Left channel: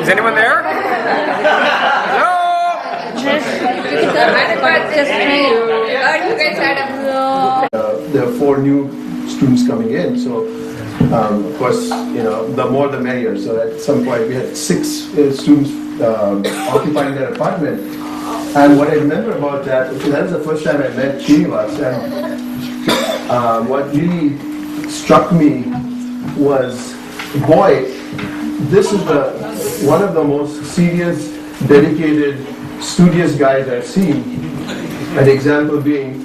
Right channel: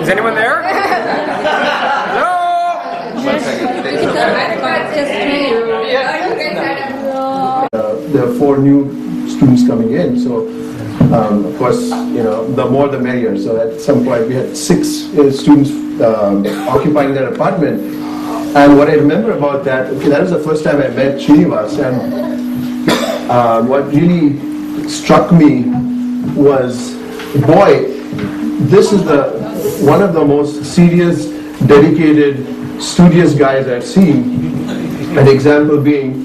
Is anyone there? Hello? There are 4 new students coming in, so of course, the more the merrier. So at some point we had 6 students occupying that apartment. And what I remember about that was the first time I met Srinivas, and what really struck me was, boy, this is one of the most serious, dedicated, studious guys I've seen. An example being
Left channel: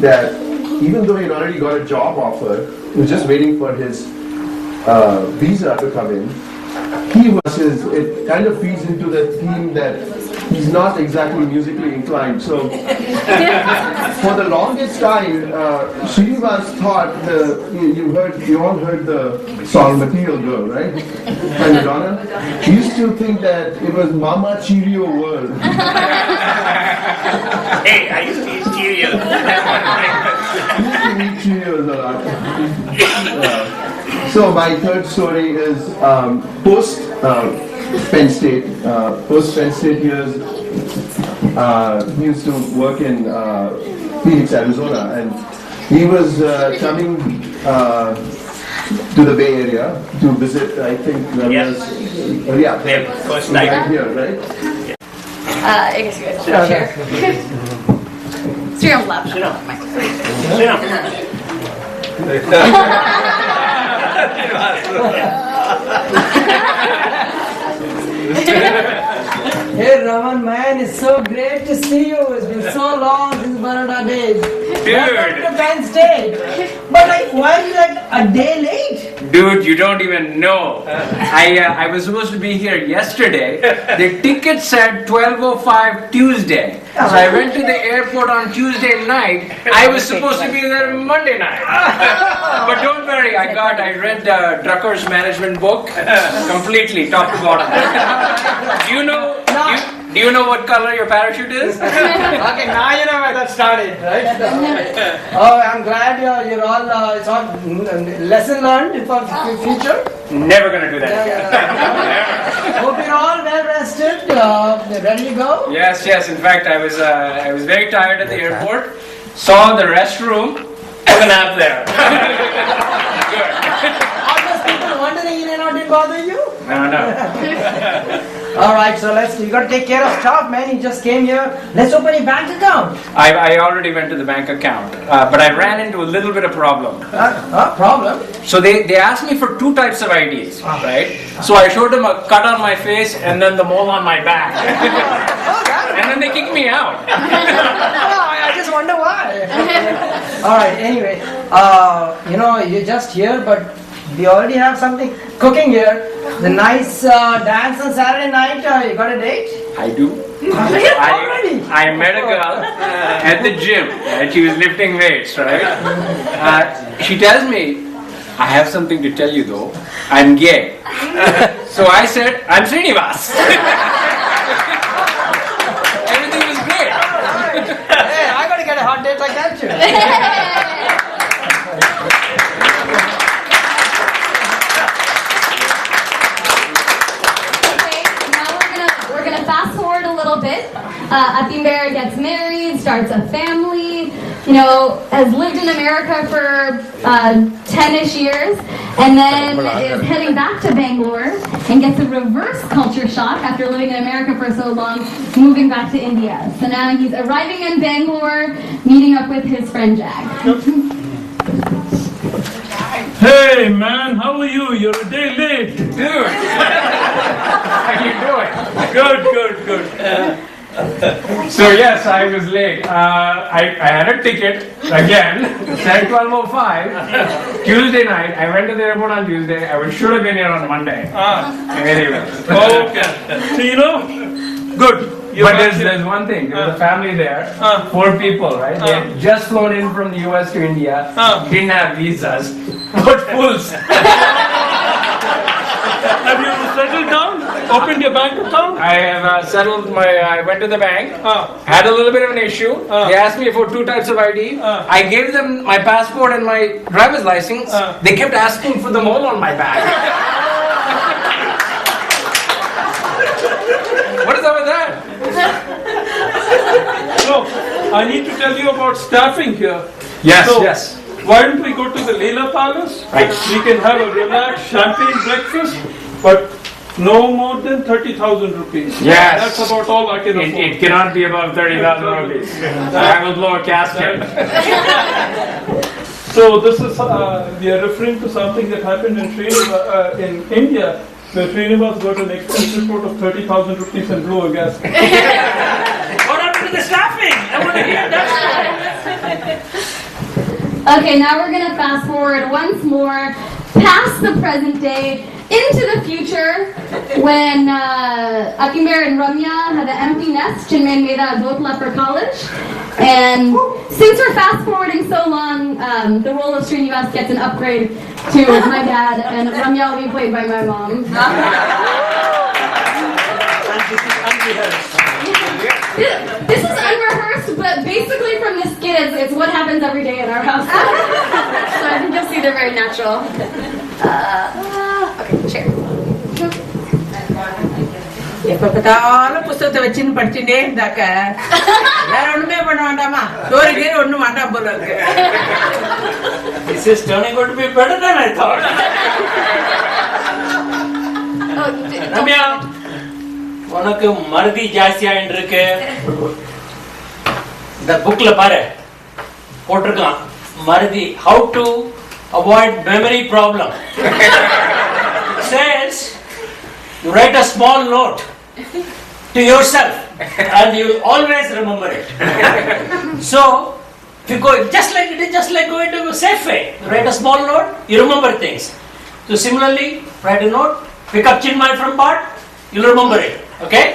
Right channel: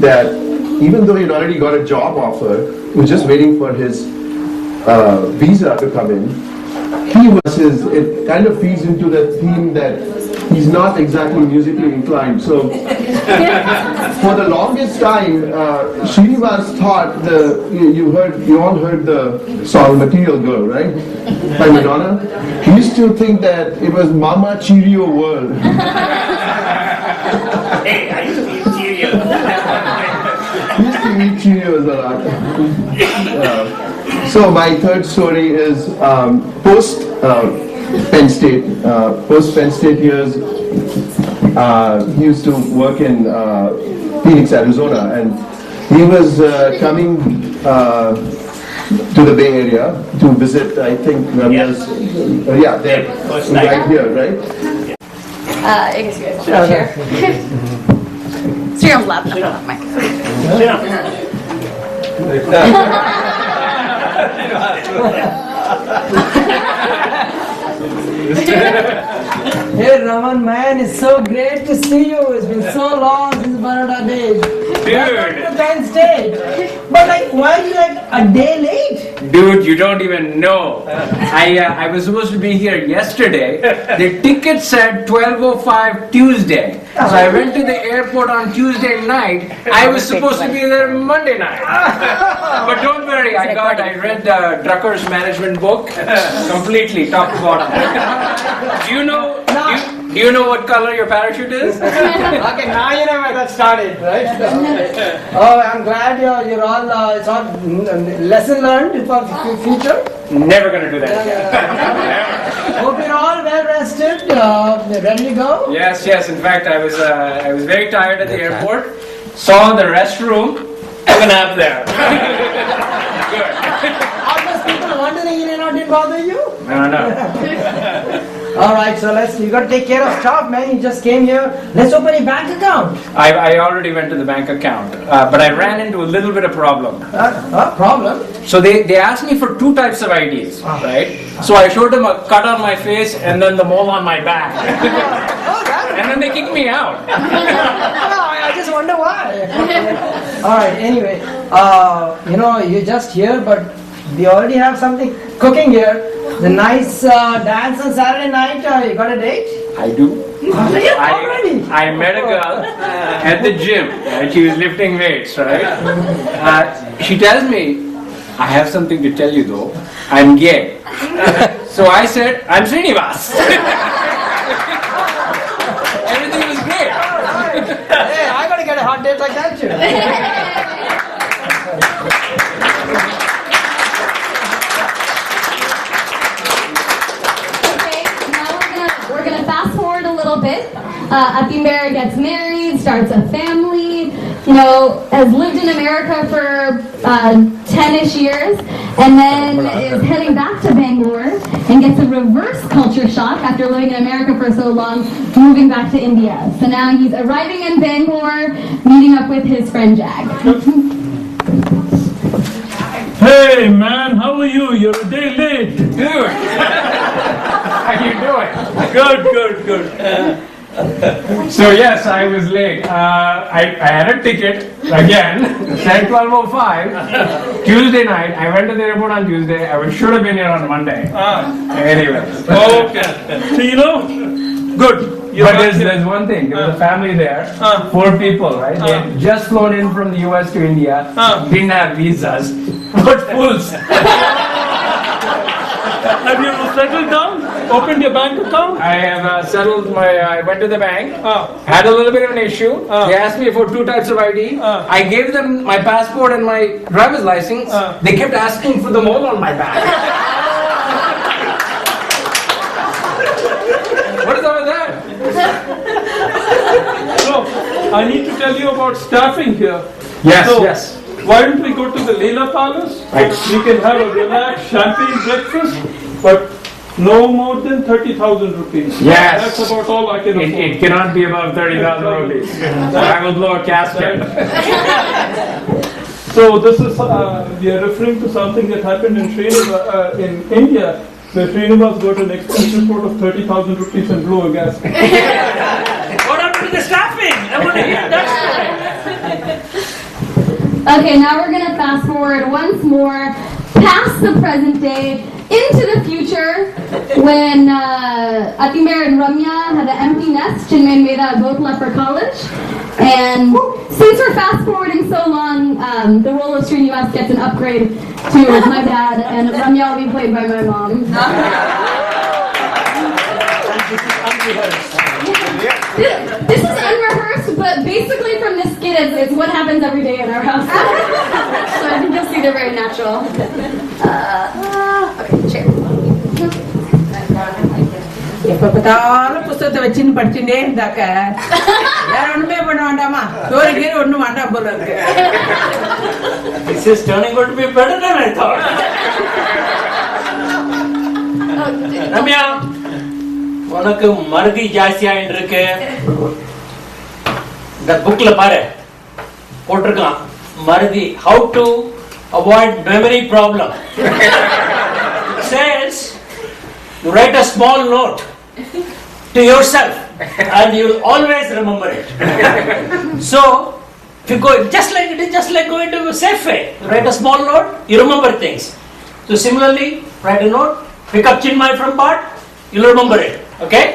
that even though he'd already got a job offer, he was just waiting for his visa to come in. It kind of feeds into the theme that he's not exactly musically inclined. So for the longest time, Srinivas thought you all heard the song Material Girl, right? By Madonna. He used to think that it was Mama Cheerio World. Hey, I used to eat Cheerios. He used to eat Cheerios a lot. So my third story is post Penn State. Post Penn State years, he used to work in Phoenix, Arizona, and he was coming to the Bay Area to visit, I think, there, First night. right here, right? I guess you guys will share. Sriram's laptop. Sit down. Mic. Hey Raman, man, it's so great to see you. It's been so long since Baroda days. Welcome to Penn State. But why are you a day late? Dude, you don't even know. I was supposed to be here yesterday. The ticket said 12:05 Tuesday. So I went to the airport on Tuesday night. I was supposed to be there Monday night. But don't worry, I read Drucker's management book completely, top to bottom. Do you know what color your parachute is? Okay, now you know where that started, right? Oh, I'm glad you're all, it's all lesson learned for future. Never gonna do that again. Hope you're all well rested, ready to go? Yes. In fact, I was very tired at the airport. Saw the restroom. Took a nap there. Good. All those people wondering in and out didn't bother you? No. Alright, so you got to take care of stuff, man. You just came here. Let's open a bank account. I already went to the bank account, but I ran into a little bit of problem. Problem? So they asked me for 2 types of IDs, right? So I showed them a cut on my face and then the mole on my back. And then they kicked me out. I just wonder why. Alright, anyway, you're just here, but we already have something cooking here. The nice dance on Saturday night. You got a date? I do. Already? I met a girl at the gym, and she was lifting weights, right? She tells me, I have something to tell you though, I'm gay. So I said, I'm Srinivas. Everything was great. Hey, I got to get a hot date like that too. Fast forward a little bit. Atimber gets married, starts a family, has lived in America for 10-ish years, and then is heading back to Bangalore and gets a reverse culture shock after living in America for so long, moving back to India. So now he's arriving in Bangalore, meeting up with his friend Jag. Hey man, how are you? You're a day late. Dude, how you doing? Good. So yes, I was late. I had a ticket again, said 12:05, Tuesday night. I went to the airport on Tuesday. I should have been here on Monday. Anyway. Okay. So good. But there's one thing. There was a family there, 4 people, right? They had just flown in from the US to India, didn't have visas, but fools. Have you settled down? Opened your bank account? I have settled I went to the bank, had a little bit of an issue. They asked me for 2 types of ID. I gave them my passport and my driver's license. They kept asking for the mole on my back. What is up with that? So, I need to tell you about staffing here. Yes, So, yes. Why don't we go to the Leela Palace? Right. We can have a relaxed champagne breakfast, but no more than 30,000 rupees. Yes. That's about all I can afford. It cannot be above 30,000 rupees. I will blow a casket. So this is, we are referring to something that happened in in India, where Srinivas got an expense report of 30,000 rupees and blew a gasket. What happened to the staffing? I want to hear that. Okay, now we're gonna fast forward once more past the present day into the future when Atimber and Ramya had an empty nest. Chinmay and Veda both left for college. And since we're fast forwarding so long, the role of Srinivas gets an upgrade to my dad, and Ramya will be played by my mom. This is unrehearsed, but basically from this skit, it's what happens every day in our house. So I think you'll see they're very natural. Okay, share. எப்ப பார்த்தாலும் புத்தகத்தை வச்சுன்னு படிச்சுட்டே இருந்தாக்க வேற ஒண்ணுமே பண்ண வேண்டாமா சோறு கீரை ஒண்ணும் வேண்டாம் போல இருக்கு. This is turning out to be better than I thought. Ramya, உனக்கு மறதி ஜாஸ்தியா இருக்கு. இந்த புக்ல பாரு போட்டிருக்கான் மறதி, how to avoid memory problem. It says you write a small note to yourself and you will always remember it. So if you go just like going to a safe way, you write a small note, you remember things. So similarly, write a note, pick up Chinmay from Bart, you'll remember it. Okay?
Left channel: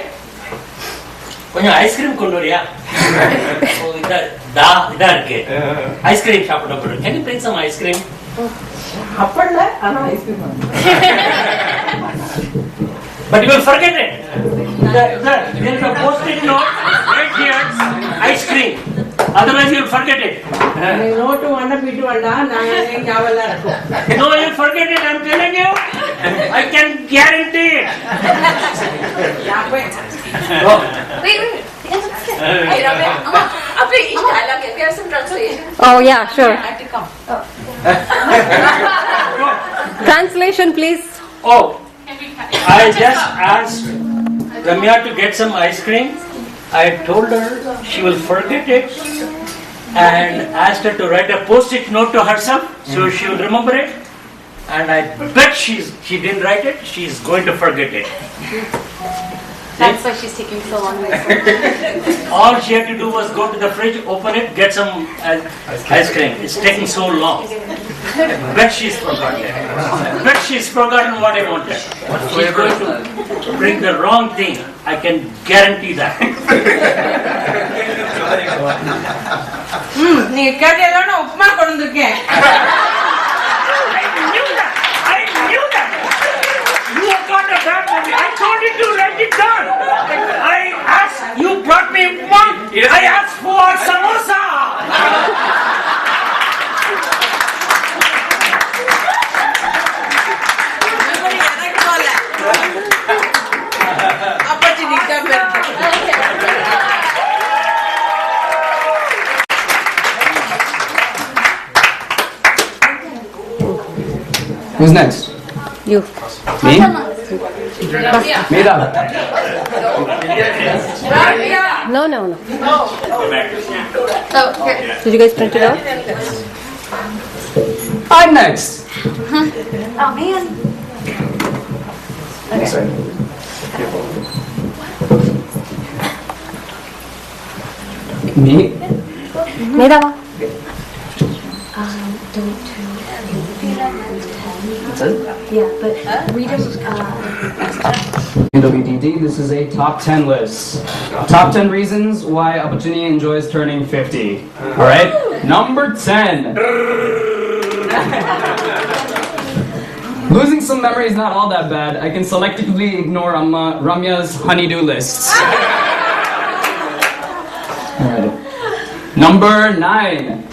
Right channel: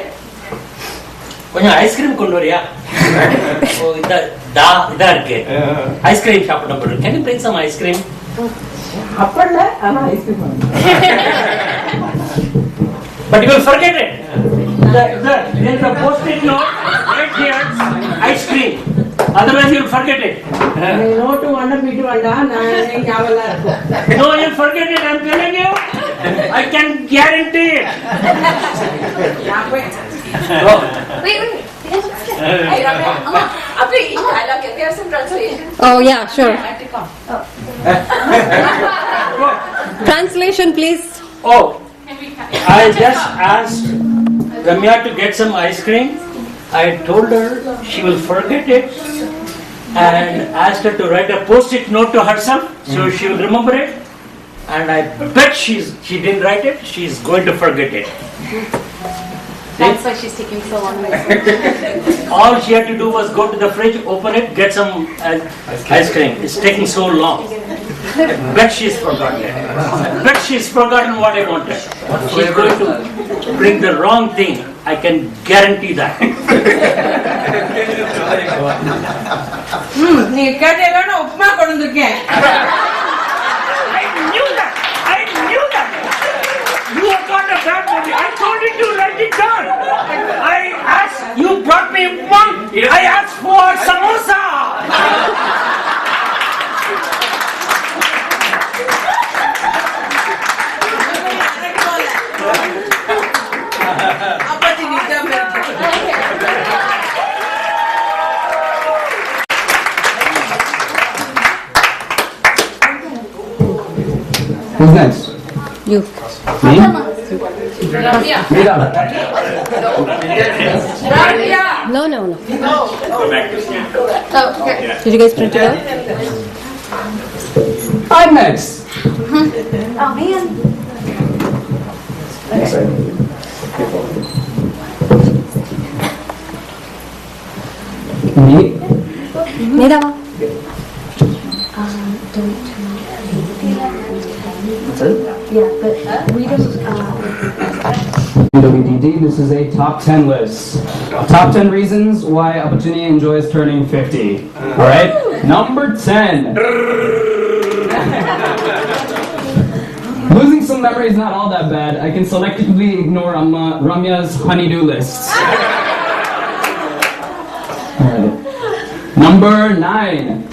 கொஞ்சம் ice cream கொண்டு வரியா? ஓ இதா இருக்கு. Ice cream சாப்பிட போறேன். Can you bring some ice cream? அப்பல்ல ஆனா ice cream. But you will forget it. There is a post-it note right here, ice cream. Otherwise you will forget it. Note வேண்டாம் beat வேண்டாம் நான் ஞாபகம் இருக்கும். No, you will forget it. I am telling you. I can guarantee it. Oh. Wait. Hey, Ramya, after each dialogue, can we have some translation? Oh yeah, sure. I have to come. Translation, please. Oh, I just asked Ramya to get some ice cream. I told her she will forget it and asked her to write a post-it note to herself so she will remember it. And I bet she didn't write it. She's going to forget it. That's why she's taking so long. All she had to do was go to the fridge, open it, get some ice cream. It's taking so long. I bet she's forgotten it. Bet she's forgotten what I wanted. She's going to bring the wrong thing. I can guarantee that. நீங்க கேட்டீங்கன்னா உப்புமா கொண்டு வந்திருக்கேன். I knew that. You have got a bad movie. I told you to write it down. I asked, you brought me one. I asked for samosa. எனக்கு போல. opportunity தான் இருக்கு. Who's next? You. Me? Ramya. Mira. Ramya. No. Oh, okay. Did you guys print it out? I'm next. Oh, man. Me? Mira. That's it? Yeah, but read them. WDD, this is a top 10 list. Top 10 reasons why Opportunity enjoys turning 50. Alright? Number 10. Losing some memory is not all that bad. I can selectively ignore Ramya's honey-do lists. Alright. Number 9.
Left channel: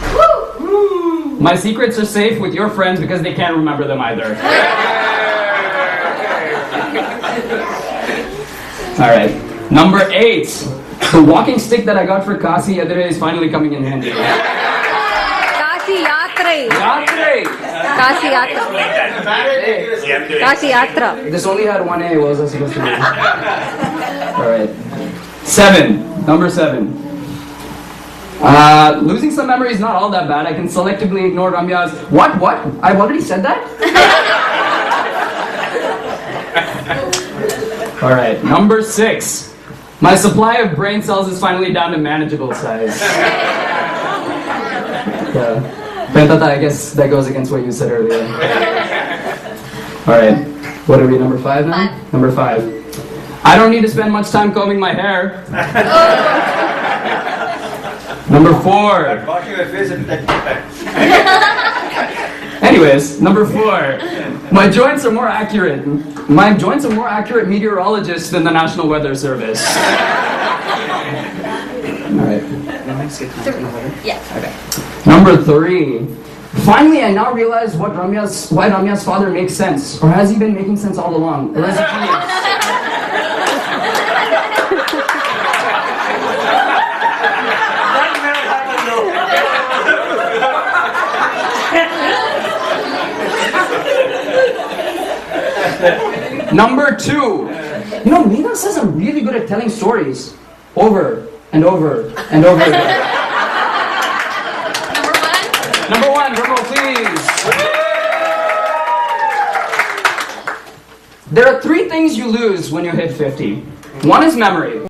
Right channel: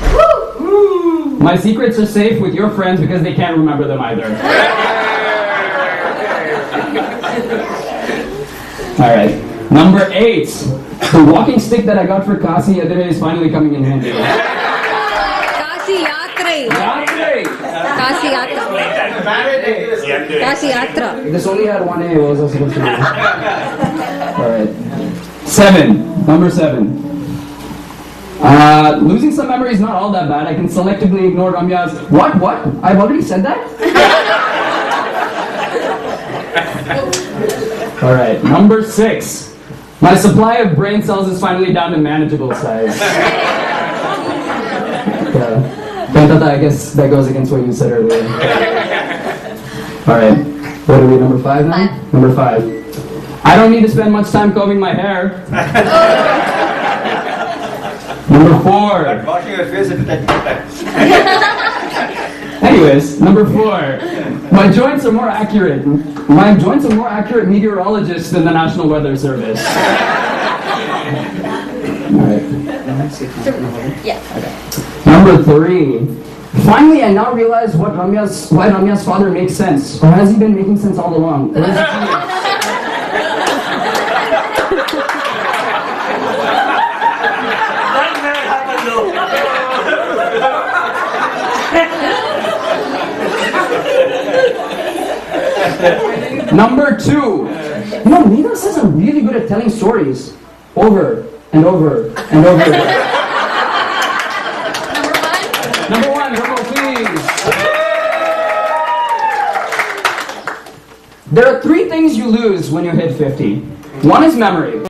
My secrets are safe with your friends because they can't remember them either. Alright. Number 8. The walking stick that I got for Kasi the other day is finally coming in handy. Kasi Yatre. Yatre! Kasi Yatra. Kasi Yatra. This only had one A. What was I supposed to do? Alright. 7. Number 7. Losing some memory is not all that bad. I can selectively ignore Ramya's. What? I've already said that? Alright. Number 6. My supply of brain cells is finally down to manageable size. Yeah. Pentata, I guess that goes against what you said earlier. Alright. What are we, number 5 now? 5. Number 5. I don't need to spend much time combing my hair. Number 4. Washing your face at that. Anyways, number 4. My joints are more accurate. My joints are more accurate meteorologists than the National Weather Service. Alright. Yeah. Okay. Number 3. Finally, I now realize why Ramya's father makes sense. Or has he been making sense all along? Or is it genius? Number 2. You know, Meena says I'm really good at telling stories. Over and over and over again. Number 1, drum roll, please. There are 3 things you lose when you hit 50. 1 is memory.